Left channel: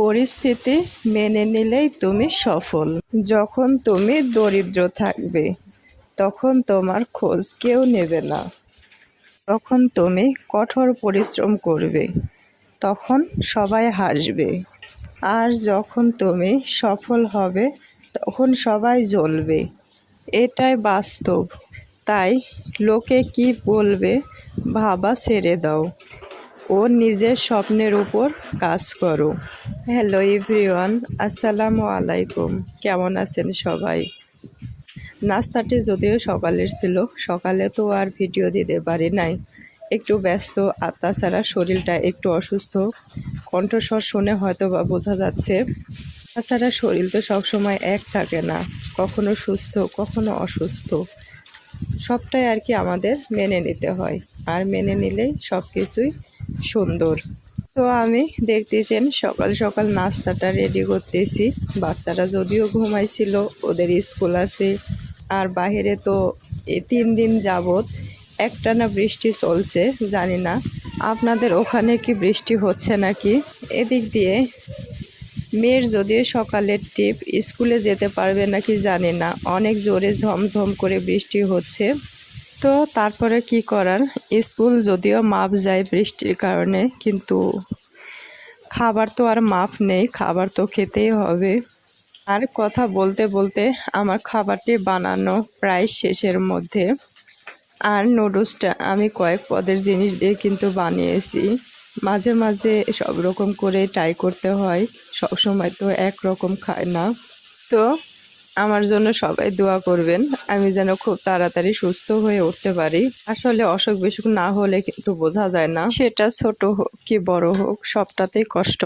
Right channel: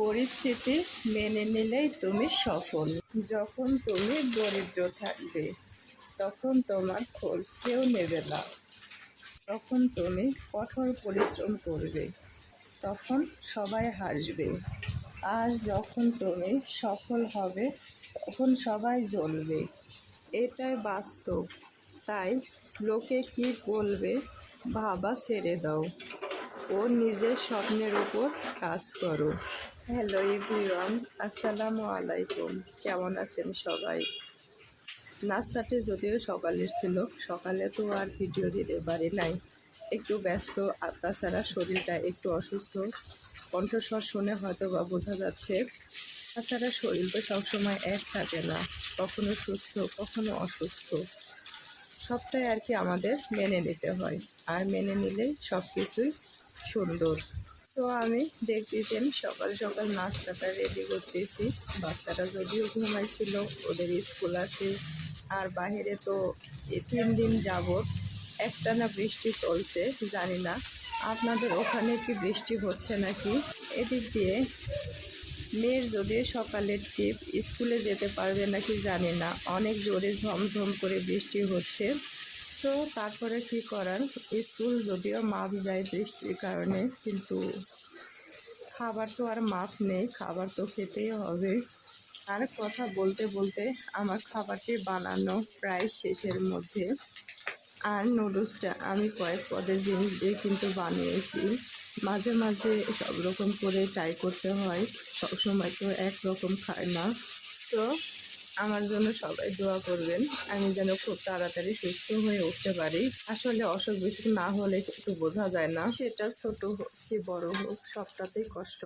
পরিস্থিতি মেনে নিলেই তুমি সফল। যখন তুমি দরিদ্র থাকবে তখন তোমার খোঁজ কেউ নেবে না। তখন তুমি কঠোর পরিশ্রম করবে, তখন সবাই হাসবে। আর যখন তুমি সফল হবে তখন সবাই জ্বলবে। এটাই বাস্তব। তাই লোকে কি বলবে ভাবা ছেড়ে দাও ও নিজের স্বপ্নের উপর কাজ করো। হ্যালো এভরিওয়ান, আসসালামু আলাইকুম। কেমন আছেন সবাই? নাস্তাটি যদিও সকালের ছিল, সকালে তো আর ভিডিও দিতে পারি নাই, একটু ব্যস্ত। আর তাছাড়া শরীরটা একটু অসুস্থ, কণ্ঠস্বর শুনে হয়তো বা বোঝা যাচ্ছে। তাছাড়া শরীর তো সবসময় এক থাকে না, কখনো সুস্থ কখনো অসুস্থ। সবটাই আর কি আমাদের মেনে নিতে হয়, আর মেনে নিলেই সব কিছুই সুন্দর। তো আমি দেখতেছেন সকাল সকাল নাস্তাটা রেডি করতেছি। বাচ্চারা যদিও ঘুমাইছিল, ওদের স্কুল আছে। আর বাহিরে তো 3 দিন যাবৎ একটানা বৃষ্টি চলছে। জানি না আপনাদের ওখানে কি বৃষ্টি হচ্ছে নাকি। এদিক দিয়ে মেয়ের যদিও সকালের টিপ, স্কুলে যেতে পারবে নাকি জানি না, অনেক জোরে ঝমঝম করে বৃষ্টি হচ্ছে। তো তারপরে কি করার, স্কুল যদিও মাপ যায় বৃষ্টির কারণে, কিন্তু খাবার তো আর মাপ নেই, খাবার তো খেতেই হবে। আর কথা বলতে বলতে আমার খাবারটি বানানো প্রায় শেষের মধ্যে। আর নুডলসটা আমি কয়েক পদের জিনিস দিয়ে কিন্তু বানিয়েছি। মাঝে মাঝে সব রকম করে ট্রাই করতে হয়, সবসময় তো একরকম খায় না। তো আমার জন্য সবাই দোয়া করবেন, আমি যেন খুব তাড়াতাড়ি সুস্থ হয়ে উঠতে পারি। আসলে অসুখ বিসুখ না হলে কিন্তু বোঝা যায় না, সেটা ছোট হোক কি বড় হোক, সবটাতেই কষ্ট।